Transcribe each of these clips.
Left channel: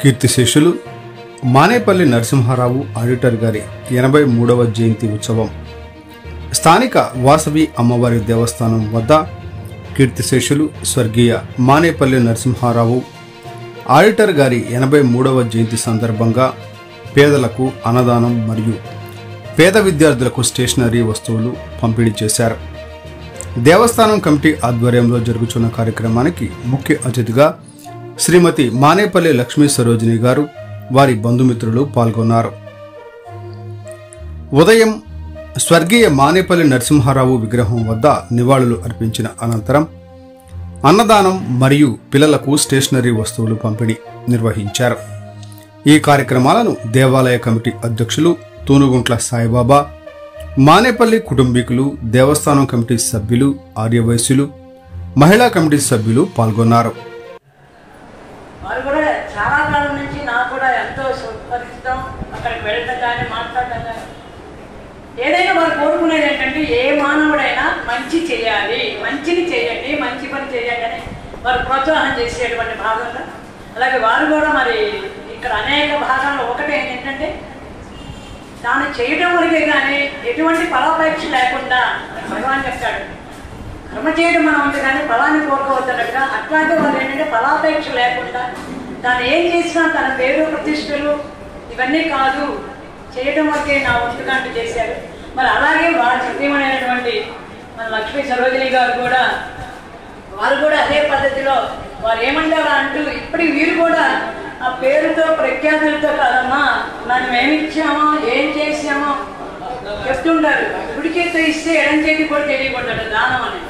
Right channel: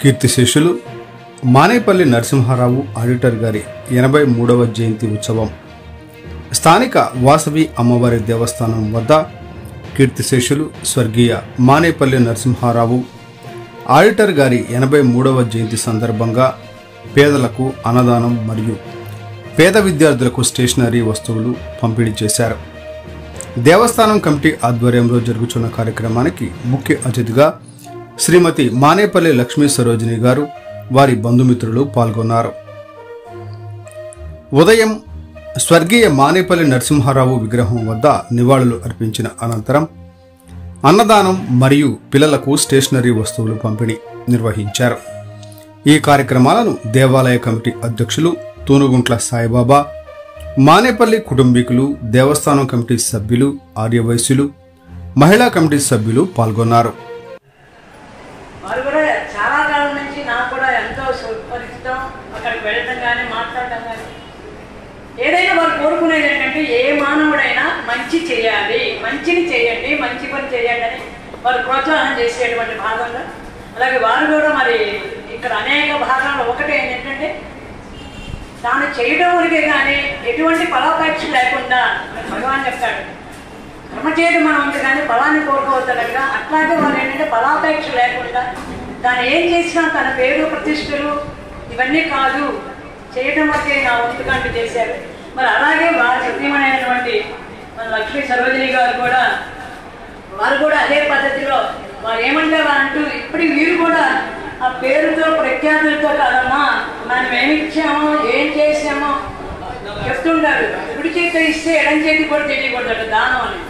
కీర్తిశేషులు మానేపల్లి నరసింహారావు ఆడిటర్ గారి 83వ జయంతి ఉత్సవం స్థానిక వాసవి అమ్మవారి దేవస్థానం వద్ద కీర్తిశేషులు స్వర్గీయ మానేపల్లి నరసింహారావు ఆడిటర్ గారి 83వ జయంతి సందర్భంగా పేదలకు అన్నదానం మరియు పేద విద్యార్థులకు స్టేషనరీ వస్తువులు పంపిణీ చేశారు. దేవస్థానం కమిటీ ఆధ్వర్యంలో జరుగుతున్న కార్యక్రమానికి ముఖ్య అతిథిగా శ్రీమతి మానేపల్లి లక్ష్మీ సరోజిని గారు, వారి బంధుమిత్రులు పాల్గొన్నారు. ఉదయం స్వర్గీయ మానేపల్లి నరసింహారావు విగ్రహం వద్ద నివాళులు అర్పించిన అనంతరం అన్నదానం మరియు పిల్లలకు స్టేషనరీ వస్తువులు పంపిణీ నిర్వహించారు. ఈ కార్యక్రమాలను దేవాలయ కమిటీ అధ్యక్షులు తూనుగుంట్ల సాయిబాబా, మానేపల్లి కుటుంబీకులు, దేవస్థానం కమిటీ సభ్యులు, ఆర్యవైశ్యులు, మహిళా కమిటీ సభ్యులు పాల్గొన్నారు. ఏదైనా వారు కోరుకునేది ఏంటంటే ఏ మానవుడైనా మంచి చేయాలి, మంచిని చేయండి, మంచి పని చేయండి అని వారు ప్రోత్సాహం చేసేటువంటి భాగంగా, అలాగే వారు కూడా మరి ఇక్కడ అనేక భాగాల్లో ఒకటి ఏంటంటే దాన్ని చేయడం వరకే కానీ ఎటువంటి ఫలాపేక్ష లేకుండా భగవాన్ చెప్తాడు, కర్మ చేయడం మనం ఉంది కానీ ఫలాన్ని కోరుకోవద్దనగా. అట్లాంటి వాళ్ళు ఏంటంటే ఫలాపేక్ష లేకుండా దాన్ని ఏం చేసినా తన పేరు ప్రతిష్టలు ఇవన్నీ కాదు, చేయడం వరకే నా వంతుకాంటి చేశారు. మరి అలాగే వారు సత్యమైనటువంటి మన లక్ష్మీ సరోజిని గారు కూడా వారు కూడా అదే పద్ధతిలో వారు ఏమంటారా అంటూ ఇప్పటికి వీరు కూడా ఆ పేరుతో ప్రఖ్యాతులతో కాదమ్మా మనం ఏమిచ్చామో ఏం చేసామో చెప్తుంటారు. కుడి చేతితో ఇస్తే ఎడం చేతి కూడా తెలియకుంటారు దానం అని.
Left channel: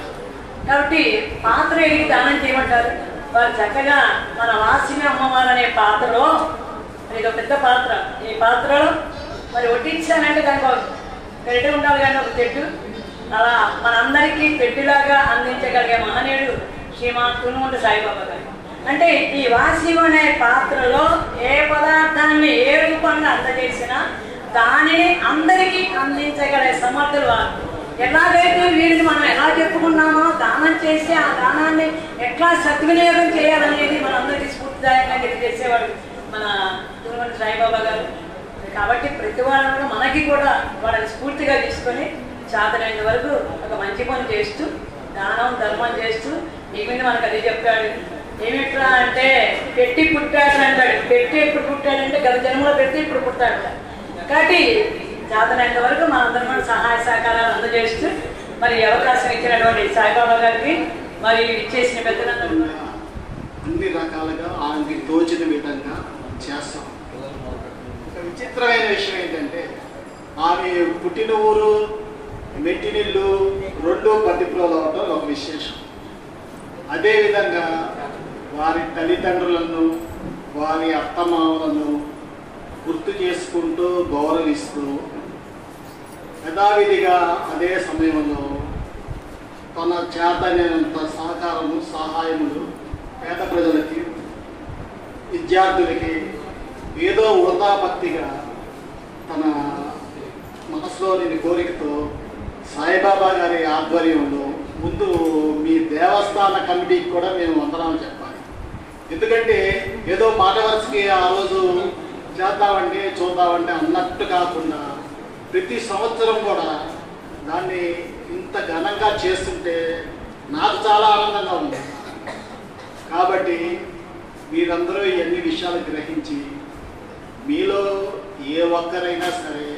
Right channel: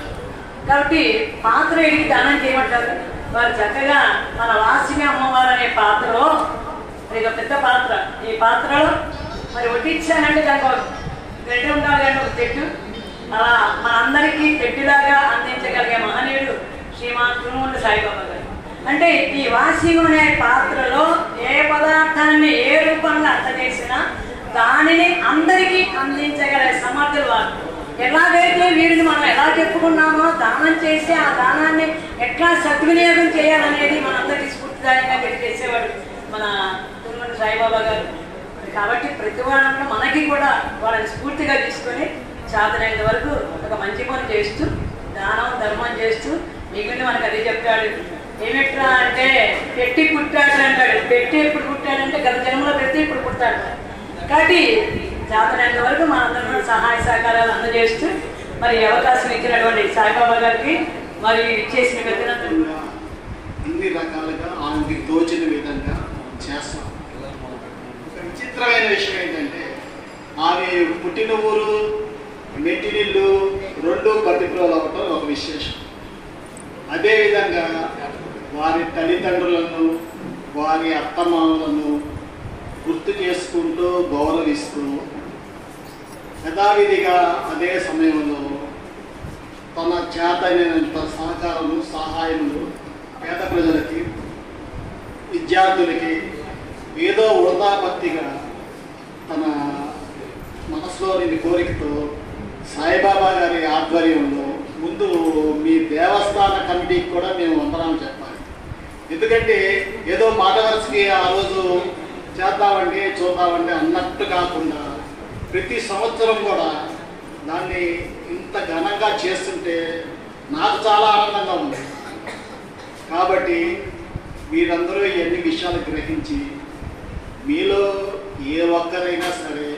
కాబట్టి పాత్ర ఎడికి దానం చేయమంటారు. వారు చక్కగా మన వాసిని అమ్మవారు అనే పాత్రలో, ఇది ఒక పెద్ద పాత్ర, ఈ పాత్రలో మరి వడ్డించానంటే దానికి గరిట ఉండాలి కానీ ఒక చెట్టు, అలా మనందరికీ చెట్టులాగా అందించగలిగే మహనీయుడు శ్రీమాన్ తునుగుంట్ల సాయిబాబా గారు. అంటే ఈ వాసిం అనే పాత్రలో ఏ పదార్థాన్ని ఏ రూపంగా అందజేసినా దానిని అందరికీ అందించగలిగే సమర్థులు వారు. ఎలాగైతే వీరిని మనం ఎలా చెప్పుకున్నామో దానం చేసి ఆ దానాన్ని ఎట్లా సద్వినియోగం చేయాలనేది మనందరికీ స్ఫూర్తిదాయంగా తెలియజేసేవాడు మన తునుగుంట్ల సాయిబాబా గారు. కాబట్టి ప్రతి వారంలో మనకి కూడా వాళ్ళని స్ఫూర్తిగా తీసుకొని చాతనైన వరకు ఒక మంచి పని చేస్తూ దానం ధర్మం చేస్తూ మిగిలిన మనకు అదే చెప్తాడు. ఏమిట్రా అంటే పెట్టి పుట్టాడు అంటాడు. పెట్టి ఎప్పుడు పుట్టాడంటే గత జన్మలో పెట్టి ఇప్పుడు పుట్టాడు. కాబట్టి చాతనైన వరకు మనందరం కూడా సహాయ సహకారాలు అందజేస్తూ మరి అవకాశం ఇచ్చినటువంటి సాయిబాబా గారికి మరి ఇచ్చేసిన పెద్దలందరూ అన్ని రకాలుగా ఆయనకి తోచిన విధంగా చేస్తాం. విచిత్రమైన విషయం ఏంటంటే ఆమె పుట్టిన ఊరు మెట్టినిల్లు రెండు పట్టిపురాలు అవ్వటం ఒక విశేషం. అదేవిధంగా వారి తల్లిదండ్రులను వారి అత్తమామలను గుర్తు చేసుకుంటూ గౌరవిస్తూ యథావిధిగా అదే సమయంలో తన చేతనైనంత సహకారము సహాయములు పేద ప్రజలకి విద్యార్థులకి ఏదో వృధాభక్తిగా తన మనసులోని కోరికతో సాయిబాబా గారి ఆధ్వర్యంలో ముందు మీ దేవస్థాన కమిటీకి కూడా మేము వందనాలు చెప్పాలి. ఎందుకంటే ఏదో మాట వరుసకి ఆ రోజు చేద్దామండి చూద్దామండి అన్నట్టు కాకుండా ప్రతి సంవత్సరం కూడా దాన్ని ఇంత ఘనంగా చేస్తుంటే నాకు చాలా ఆనందంగా ఉంది. కాబట్టి మీరందరూ ఇవన్నీ విషయాలు గ్రహించి మీలో ఏ ఒక్కరైనా సరే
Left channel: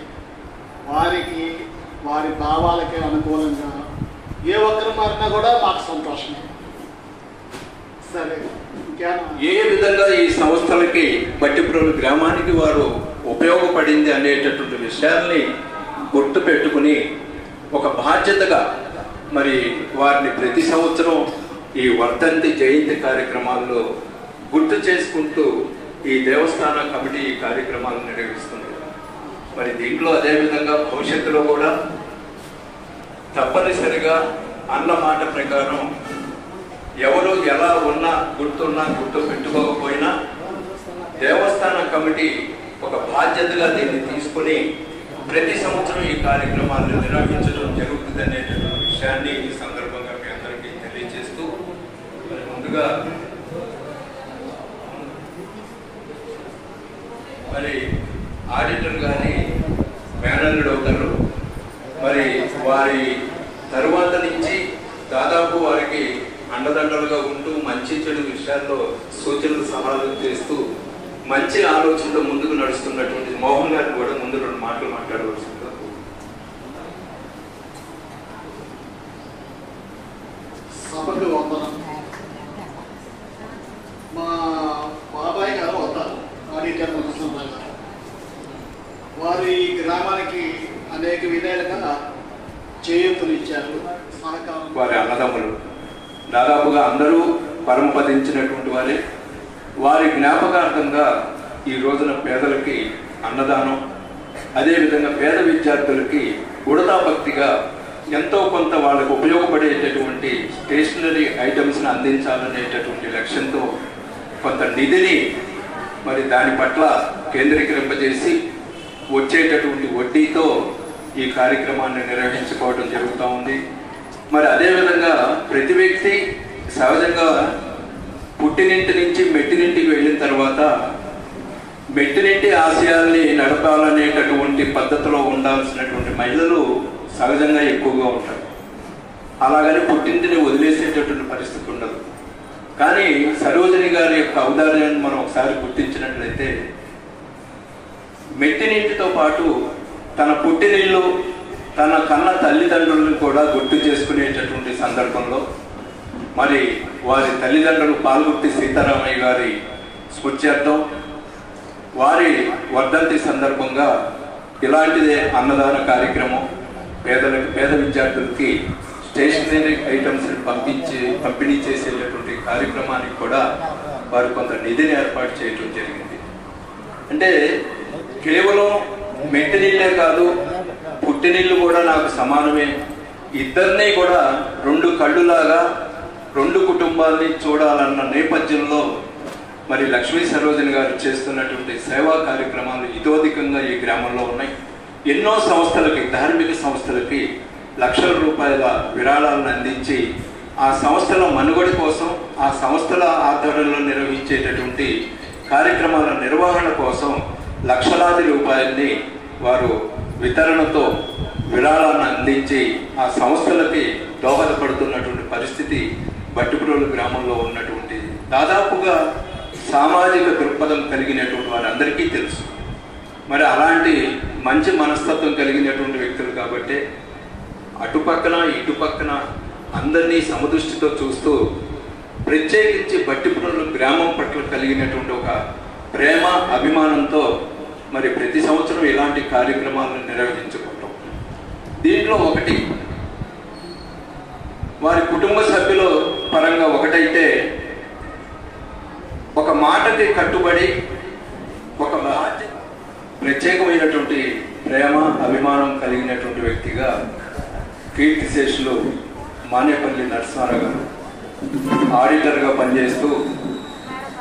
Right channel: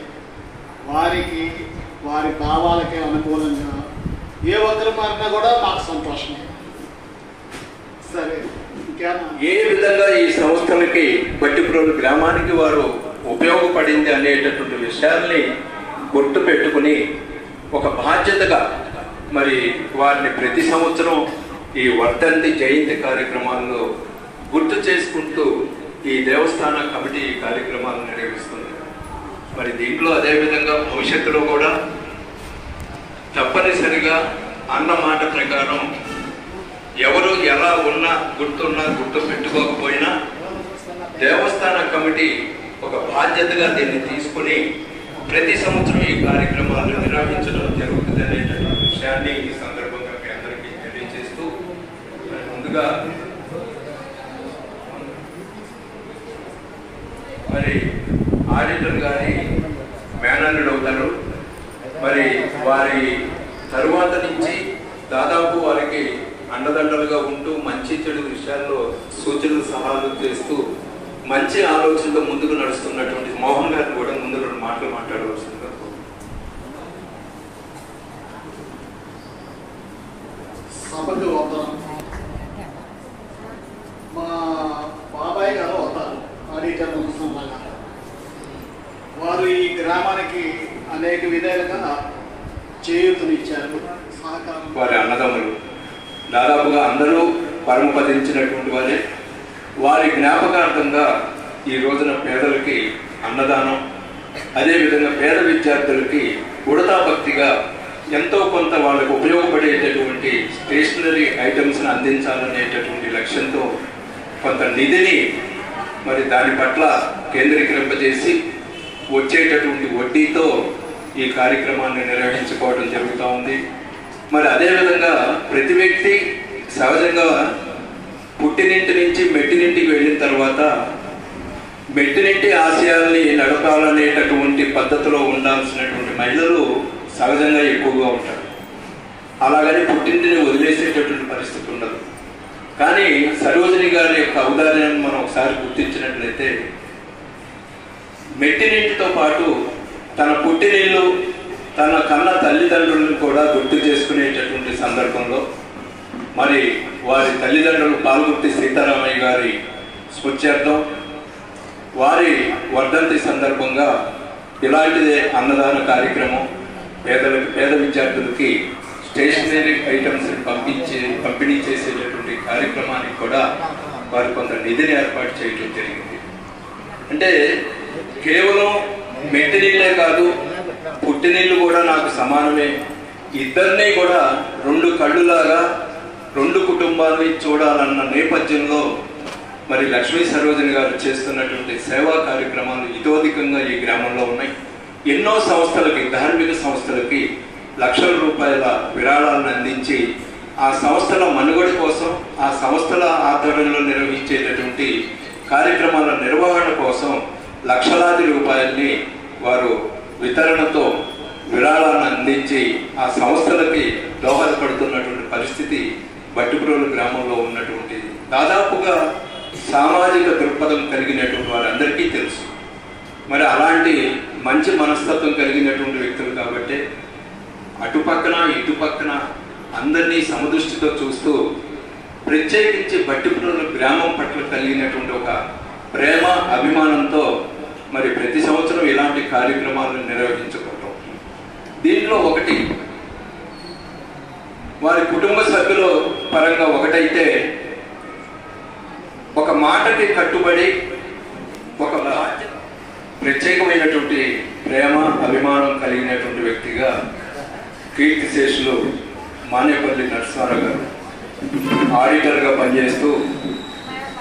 వారికి వారి భావాలకి అనుకూలంగా ఏ ఒక్కరు మారినా కూడా మాకు సంతోషమే. సరే, ఇంకేనా ఏ విధంగా ఈ సంస్థలకి బట్టిప్రోలు గ్రామానికి వారు ఉపయోగపడింది అనేటటువంటి విషయాల్ని గుర్తు పెట్టుకుని ఒక బాధ్యతగా మరి వారిని ప్రతి సంవత్సరం ఈ వర్ధంతి జయంతి కార్యక్రమాల్లో గుర్తు చేసుకుంటూ ఈ దేవస్థాన కమిటీ కార్యక్రమాలను నిర్వహిస్తున్నారు. మరి దీంట్లో అదేవిధంగా భవిష్యత్తులో కూడా తప్పనిసరిగా అన్న మాట ప్రకారం ఎవరు ఎలా ఉన్నా గుర్తు పెట్టుకోకపోయినా దేవస్థాన కమిటీ ఒక బాధ్యతగా దీన్ని తీసుకుని ప్రతి సంవత్సరం ఈ కార్యక్రమాలను నిర్వహించడం జరుగుతుంది అనేటువంటి విషయాన్ని ఈ సందర్భంగా మీ అందరికీ తెలియజేస్తూ మరి ముందుగా ఆడిటర్ గారి మేనల్లుడు అవుతారు. మరి వారి తరువాత నుంచి దాదాపు వారికి అండదండలుగా ఉంటూ మంచి చెడు విషయాల్లో సూచనలు సలహాలు చేస్తూ మంచి ఆలోచనతో ముందుకు నడుస్తున్నటువంటి మోహన్ గారిని కూడా ముందు 2 మాటలు మాట్లాడవలసింది. సభకు వందనం. మా బాబాయ్ గారు వస్తారు ఆడిటర్ నరసింహారావు గారు. వారు ఈ గ్రామానికి అనేక విధాలుగా చేయూతనిచ్చారు, సహకారం. వారి అన్నదమ్ములు దాదాపుగా అందరూ పరమపదించినటువంటి వారే. వారి జ్ఞాపకార్థంగా ఈ రోజున పేదలకి అన్నదానం, అదేవిధంగా పేద విద్యార్థులకి ఉడతా భక్తిగా ఎంతో కొంత వాళ్ళకు ఉపయోగపడేటటువంటి స్టేషనరీ ఐటమ్స్ని అందించాలనేటటువంటి లక్ష్యంతో కొంత నిధిని మరి దాని పట్ల కేంద్రీకరింపజేసి వచ్చేటటువంటి వడ్డీతో ఈ కార్యక్రమాన్ని నిర్వహించుకోవడం జరుగుతూ ఉంది. మరి అదేవిధంగా ప్రతి వ్యక్తి సహజంగా పుట్టినింటి నుంచి మెట్టినింటికి వెళ్ళిన తర్వాత మెట్టినింటి ఆశయాల్ని నడపాలనేటటువంటి పద్ధతిలో ఉండాల్సినటువంటి మహిళలు సహజంగా ఎక్కువగా ఉంటారు. అలాగని పుట్టింటిని వదిలేసేటటువంటి పరిస్థితి ఉండదు. కానీ సరోజిని గారి యొక్క ఔదార్యాన్ని మనం ఒకసారి గుర్తించినట్లయితే మెట్టినింటితో పాటు తన పుట్టినిల్లు, తన కన్న తల్లిదండ్రులను కూడా గుర్తు చేసుకునేటటువంటి సందర్భంలో మరి వారి తల్లిదండ్రులు పాల్గొట్టి సీతారామయ్య గారి స్మృత్యర్థం వారి వర్ధంతి సందర్భంగా ఇలాంటిదే అన్నదాన కార్యక్రమం, పేద విద్యార్థులకి స్టేషనరీ ఐటమ్స్ పంపిణీ చేసేటటువంటి కార్యక్రమానికి కూడా వారు కొంత నిధిని ఏర్పాటు చేయడం జరిగింది. అంటే కేవలం మెట్టినీళ్ళే కాదు, పుట్టినీళ్ళు కూడా నాకు సమానమే, ఇద్దరినీ కూడా 2 కళ్ళులాగా 2 కుటుంబాలని చూడాలన్న నేపథ్యంలో మరి లక్ష్మీ సరోజిని గారు చేస్తున్నటువంటి సేవా కార్యక్రమాలు ఇతోధికంగా ఈ గ్రామంలో ఉన్నాయి. ఎన్నో సంస్థలకి, ధార్మిక సంస్థలకి లక్షల రూపాయల విరాళాలను అందించి ఆ సంస్థల మనుగడ కోసం, ఆ సంస్థల ఆధ్వర్యంలో నిర్వహించేటటువంటి కార్యక్రమాల నిర్వహణ కోసం లక్షలాది రూపాయల్ని వారు వితరణతో విరాళాలను అందించి ఆ సంస్థలకి దోహదపడుతున్నటువంటి పరిస్థితి బట్టిప్రోలు గ్రామంలో ఉన్నటువంటి దాదాపుగా సామాజిక దృక్పథం కలిగినటువంటి వారందరికీ తెలుసు. మరి అలాంటి మంచి మనస్తత్వం కలిగినటువంటి వ్యక్తులు కాబట్టి అటుపక్కన ఇటుపక్కన అందరినీ సమదృష్టితో చూస్తూ ప్రత్యేకించి బట్టిప్రోలు గ్రామం పట్ల కలిగినటువంటి ఒక ప్రేమ అభిమానంతో మరి ప్రతి సంవత్సరం ఇలాంటి కార్యక్రమాలను నిర్వహించుకుంటాం. దీంట్లో ఒకటి వారి కుటుంబ సభ్యుల పరంగా ఒకటైతే ఒక మాటకి కట్టుబడి ఒక ప్రత్యేకమైనటువంటి ప్రేమ అభిమానం కలిగినటువంటి వ్యక్తిగా కీర్తిశేషులు మానేపల్లి నరసింహారావు గారు ఆడిటర్గా పనిచేస్తూ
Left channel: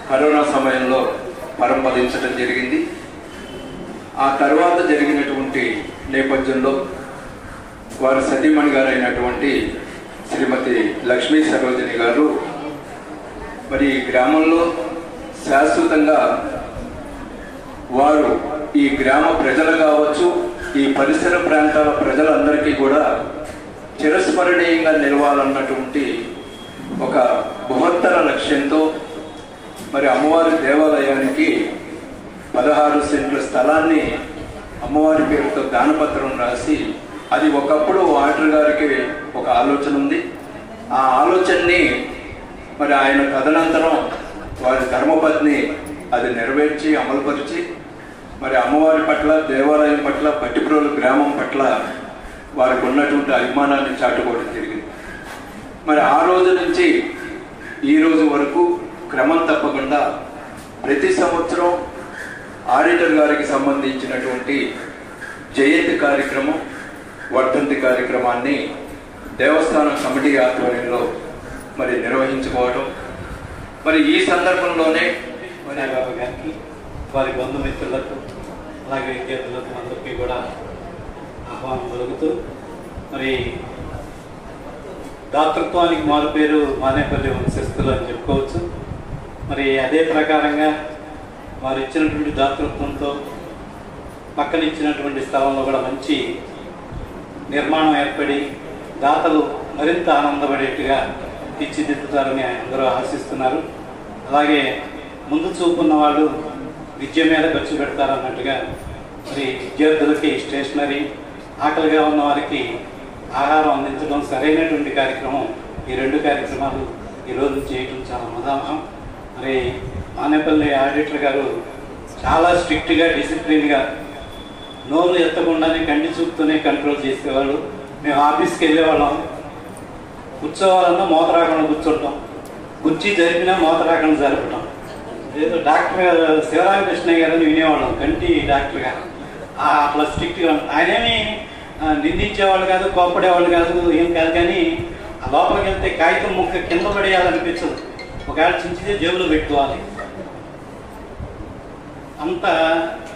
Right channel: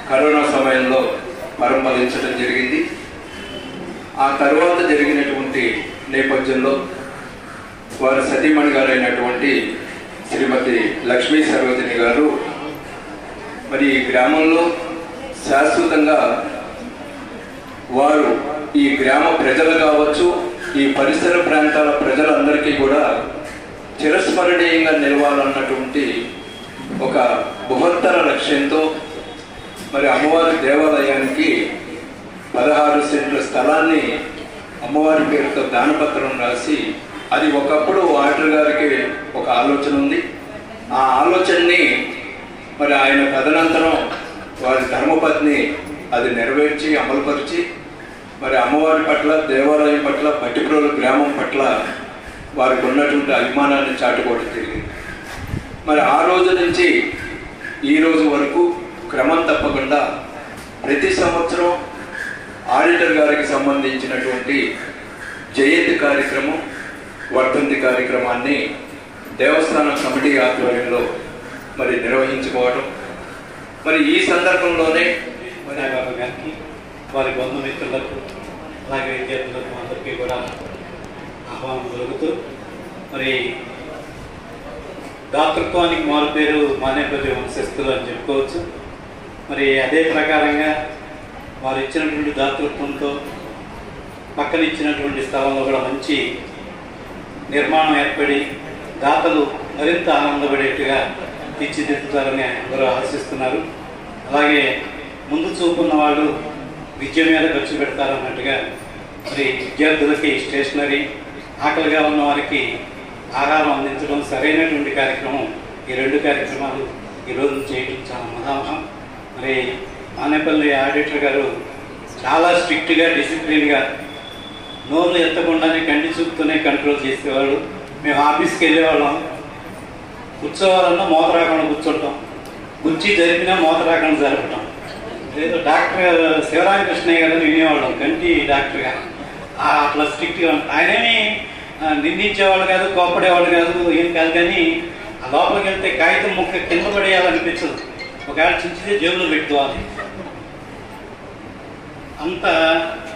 కరోనా సమయంలో పరంపదించడం జరిగింది. ఆ తర్వాత జరిగినటువంటి నేపథ్యంలో వారి సతీమణి గారైనటువంటి శ్రీమతి లక్ష్మీ సరోజిని గారు మరి ఈ గ్రామంలో శాశ్వతంగా వారు ఈ గ్రామ ప్రజలు కావచ్చు, ఈ పరిసర ప్రాంతాల ప్రజలందరికీ కూడా చిరస్మరణీయంగా నిలవాలన్నటువంటి ఒక బృహత్తర లక్ష్యంతో మరి అమ్మవారి దేవాలయానికి 16 సెంట్ల స్థలాన్ని అమ్మవారి పేరుతో దానపత్రం రాసి, అది ఒకప్పుడు ఆడిటర్ గారికి ఒక ఆలోచన ఉంది. ఆ ఆలోచనని మరి ఆయన తదనంతరం వారి ధర్మపత్ని అది నెరవేర్చి అమలుపరిచి మరి అమ్మవారి పట్ల, దేవాలయం పట్ల, బట్టిప్రోలు గ్రామం పట్ల వారికి ఉన్నటువంటి అభిమానాన్ని చాటుకోవడం జరిగింది. మరి ఆ రోజు నుంచి ఈ రోజు వరకు క్రమం తప్పకుండా ప్రతి సంవత్సరం ఆడిటర్ గారికి సంబంధించినటువంటి జయంతి కార్యక్రమం, వర్ధంతి కార్యక్రమాన్ని దేవస్థానం కమిటీ ఆధ్వర్యంలో మరి నిర్వహించుకోవడం. మరి ఈ సందర్భంలోనే బాబు గారికి, వారి బంధుమిత్రులకు, అలాగే విద్యార్థులకు అందరికీ కూడా ఆహ్వానం కలుగుతూ మరి దాతృత్వానికి మారు పేరు మానేపల్లి వంశస్థులు అని చెప్పుకోవచ్చు. మరి అదే ప్రకారంగా వారు ఇచ్చినటువంటి దాతృత్వంతో పక్కన ఇచ్చినటువంటి స్థలంలో కూడా మంచి నిర్మాణం ఏర్పడి దాతలు మరింత ఆనందపడేట్టుగా తీర్చిదిద్దుతారని అందరూ ఆశిస్తున్నారు. అలాగే ముందు చూపున్న వాళ్ళు విద్య మీద ఖర్చు పెడతారన్నట్టుగా మరి విద్యార్థులకి స్టేషనరీ, ఆకలిగా ఉన్న వారికి ఆహారం అందించడం సరైనటువంటి కార్యక్రమం. ఈ 2 కార్యక్రమాలు ఈరోజు చేయడం చాలా ఉదాహరణ. మరి మానేపల్లి ఆడిటర్ గారు చాలా స్ట్రిక్ట్గా, డిసిప్లిన్గా, నోరు ఎత్తకుండానే కంటి చూపుతూనే కంట్రోల్ చేసేవాడు. మేము ఆఫీస్కి వెళ్ళేవాళ్ళం, కూర్చోవాలన్నా మోత రాకుండా కూర్చోటం, కుర్చీ జరిపినా మోత రాకుండా జరపటం. ఏదో డాక్టర్ శివరామకృష్ణయ్య గారిని వినేవాళ్ళం, కంటి డాక్టర్ గారు. అట్లా స్ట్రిక్ట్గా ఆయనేమి నిందించేవాడు కాదు, కోపడేవాడు కాదు, ఏం కాదు. కానీ ఆ లోపలికి వెళ్తే కాగితం ముక్క కింద పడేయాలనిపించదు, ఒకవేళ చించితే జేబులో పెట్టుకోవాలి. అంత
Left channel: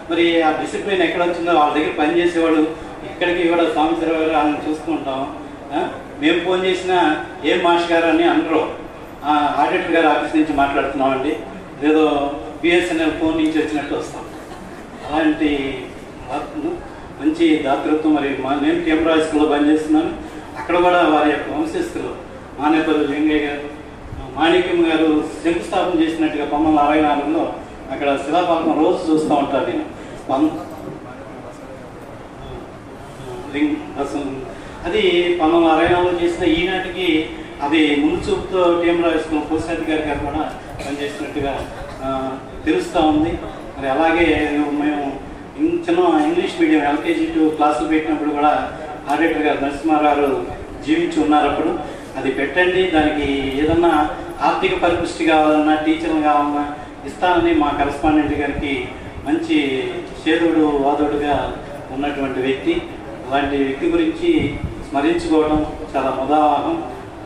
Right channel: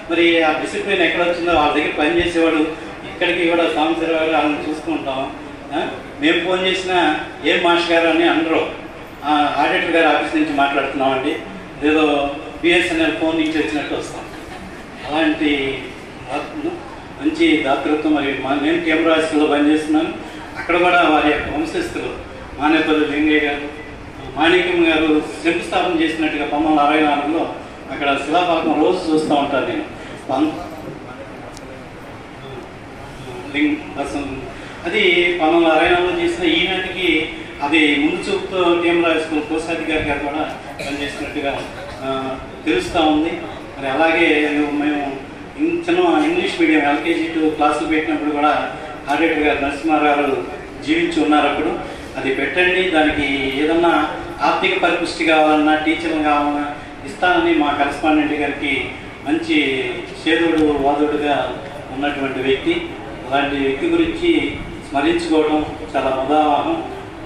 మరి ఆ డిసిప్లిన్ ఎక్కడ వచ్చిందో వాళ్ళ దగ్గర పనిచేసేవాడు. ఇక్కడికి కూడా సంవత్సరం గారు వాళ్ళని చూసుకుంటాం. మేము ఫోన్ చేసినా ఏం మాస్టర్ గారు అని అనరు, ఆడిటర్ గారు ఆఫీస్ నుంచి మాట్లాడుతున్నామండి, ఏదో బిఎస్ఎన్ఎల్ ఫోన్ నుంచి వచ్చినట్టు వస్తాం. అలాంటి మంచి దాతృత్వం. మరి నేను కెమెరా స్కూల్లో పనిచేస్తున్నాను. అక్కడ కూడా వారి యొక్క వంశస్థులు మానేపల్లి లింగయ్య గారు, మాణిక్యం గారు శంకుస్థాపన చేసినట్టుగా 1964లో అక్కడ శిలాపాకం రోజు చూస్తూ ఉంటాను నేను. అది 1964లో చేసిన ఈనాటికి అది ముందు చూపుతో కెమెరా స్కూల్ కోశాధికారి గారు కూడా పనిచేసినట్టుగా తెలుస్తూ ఉంది. మరి అలాగే మేము చిన్న ఇంగ్లీష్ మీడియం LKG 2 క్లాసులు పెట్టినప్పుడు కూడా ఆడిటర్ గారు నరసింహారావు గారు జీవించి ఉన్నారు. అప్పుడు అది పెట్టండి, దానికి ఏదన్నా ఆర్థిక పరిపుష్టి కావాలన్నా, టీచర్లు కావాలన్నా ఇస్తానని మా కరెస్పాండెంట్ గారికి మంచి చేదుడు వాదుడుగా ఉన్నటువంటి వ్యక్తి. అలాంటి వ్యక్తి గురించి స్మరించుకోవడం చాలా ఉదాహరణ.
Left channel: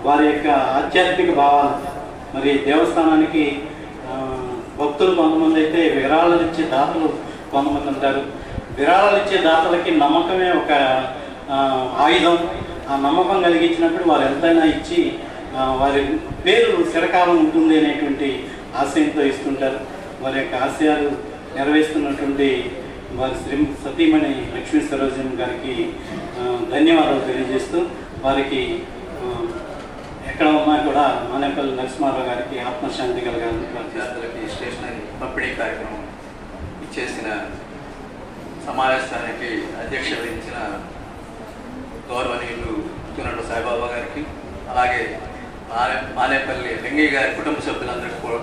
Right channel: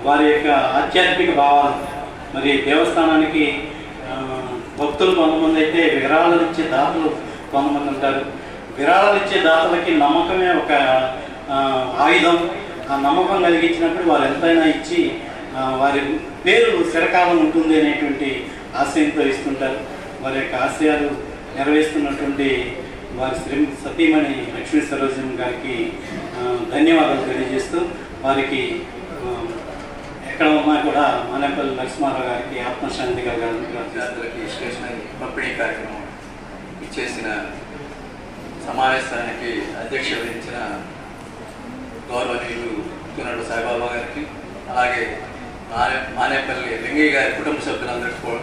వారి యొక్క ఆధ్యాత్మిక భావాలు, మరి దేవస్థానానికి భక్తులు కొంతమంది అయితే విరాళాలు ఇచ్చే దాతలు కొంతమంది ఉంటారు. విరాళాలు ఇచ్చే దాతలకి నమ్మకమే ఒక ఆయుధం. ఆ నమ్మకం కలిగించినప్పుడు వారు ఎంతైనా ఇచ్చి వారి పేరు చిరకాలం ఉంటుంది అనేటువంటి ఆశయంతో ఇస్తుంటారు. వారి యొక్క ఆశయాలు నెరవేరుస్తున్నటువంటి వారి సతీమణి లక్ష్మీ సరోజన్ గారికి ధన్యవాదాలు తెలియజేస్తూ, వారికి ఎక్కడ ఉన్నా కూడా మానేపల్లి నరసింహారావు గారికి ఆత్మశాంతి విద్యార్థులకి స్టేషనరీ పంపిణీ కార్యక్రమం ఇచ్చేసిన సమావేశానికి అధ్యక్ష వహించిన గౌరవనీయులు తునడు సాయిబాబా గారికి, అలాగే మానేపల్లి లింగయ్య గారి కుటుంబ సభ్యులందరికీ కూడా,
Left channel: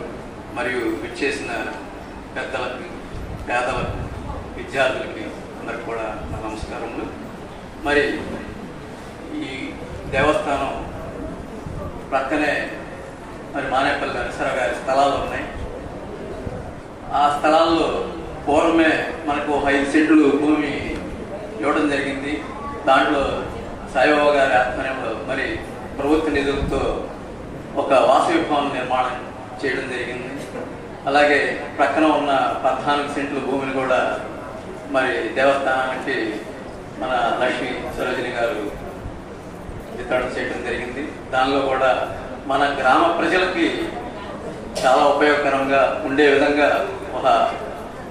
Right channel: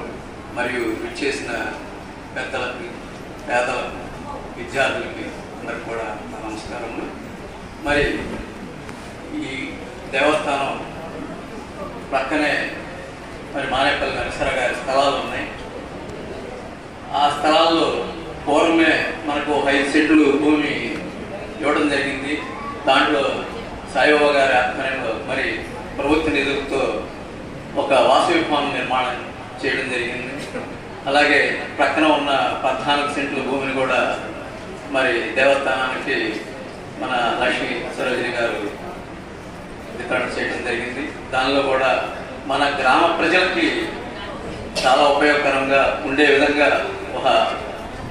మరియు ఇచ్చేసిన పెద్దలకు, పేదలకు, విద్యార్థులకి అందరికి కూడా నమస్కారములు. మరి ఈ దేవస్థానం ప్రక్కనే మరి మానేపల్లి నరసర గారి స్థలాలు ఉన్నాయి. ఆ స్థలాల్లో పూర్వమే మనకు 5 సెంట్లు భూమి ఇవ్వడం జరిగింది. దాంట్లో సాయిబాబా గారి ఆధ్వర్యంలో మరి ప్రభుత్వ నిధులతో ఒక వాసవి ఫామ్ నిర్మాణం చేయడం జరిగింది. అలాగే ప్రక్కన ఉన్న 14 సెంట్ల భూమిని కూడా మరి దేవస్థానానికి మన లక్ష్మీ సరోజిని గారు వితరణ చేయడం జరిగింది. దానిలో కూడా మన గ్రామ ప్రజలకి చాలా ఉపయోగకరంగా ఉండే విధంగా ఒక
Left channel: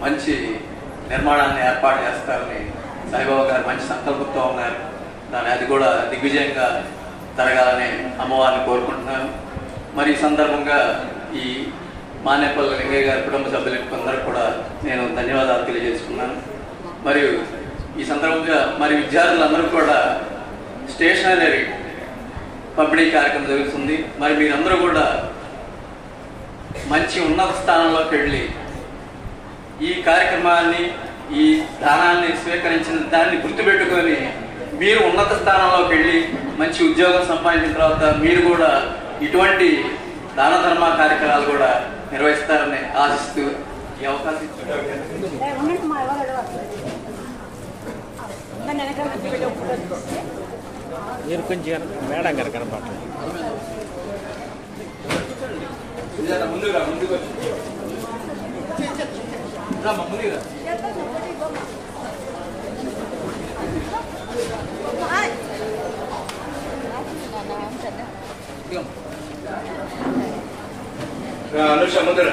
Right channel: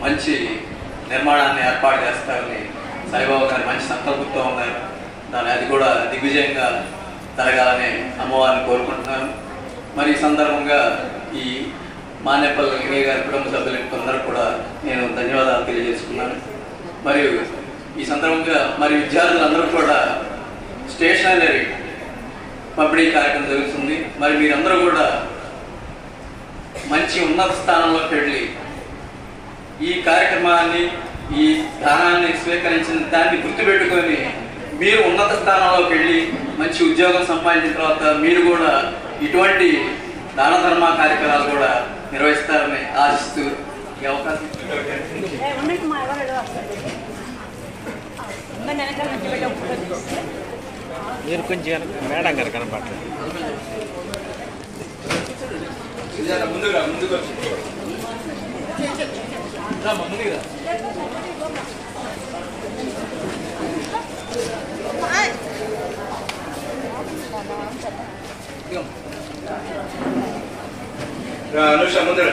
మంచి నిర్మాణాన్ని ఏర్పాటు చేస్తారని సాయిబాబా గారు మంచి సంకల్పంతో ఉన్నారు. అది కూడా దిగ్విజయంగా జరగాలని అమ్మవారిని కోరుకుంటున్నాను. మరి ఈ సందర్భంగా ఈ మానేపల్లి లింగయ్య గారి కుటుంబ సభ్యులకు అందరూ కూడా నేను ధన్యవాదాలు తెలియజేసుకున్నాను. మరియు ఈ సందర్భంగా మరి విద్యార్థులందరూ కూడా స్టేషనరీ పంపిణీ కార్యక్రమం జరుగుతుంది. మరి మీరందరూ కూడా మంచి ఉన్నత స్థానంలోకి వెళ్ళి ఈ కార్యక్రమాన్ని, ఈ దానాన్ని స్వీకరించిన దాన్ని గుర్తుపెట్టుకొని మీరు ఉన్నత స్థానంలోకి వెళ్ళి మంచి ఉద్యోగం సంపాదించిన తర్వాత మీరు కూడా ఇటువంటి దాన ధర్మ కార్యక్రమాలు కూడా నిర్వహిస్తారని ఆశిస్తూ ఈ అవకాశం మీరు కొంచెం మేడం గారు కనపడలేదు. ముందుగా ముందుకు వచ్చి ముందుగా అనుష ముందర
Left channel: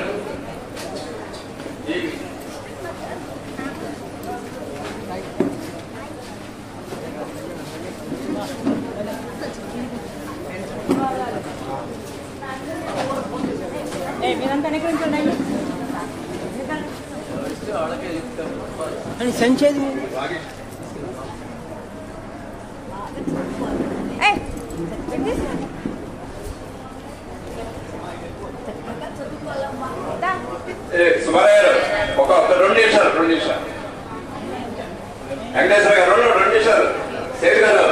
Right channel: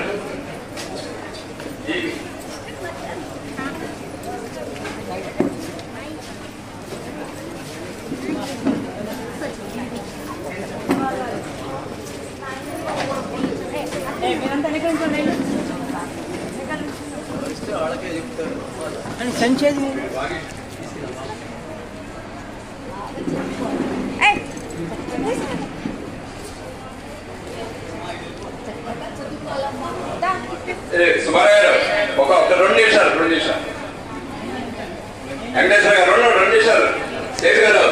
సుబ్బారావు గారు ఒక 2 నిమిషాలు వెంకటేశ్వర గారు 2 నిమిషాలు దేవి గారు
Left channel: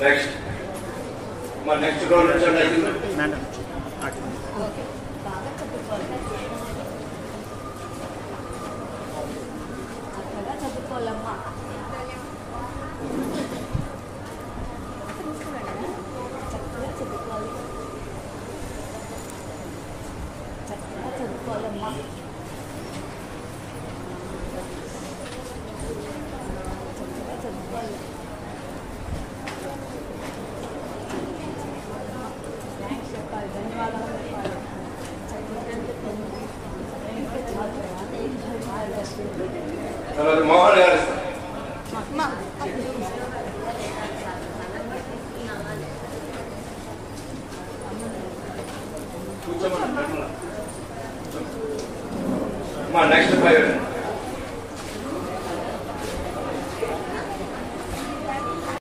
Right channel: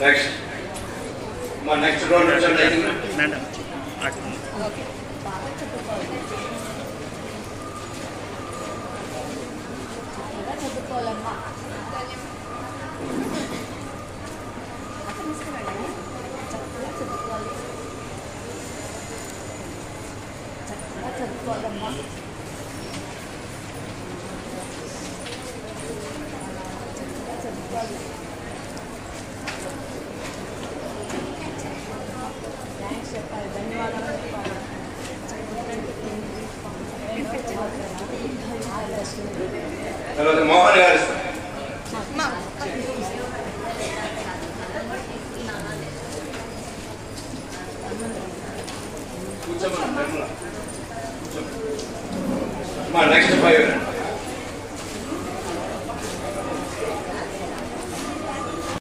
నెక్స్ట్ 2 నిమిషాలు చదువుకోవాలమ్మా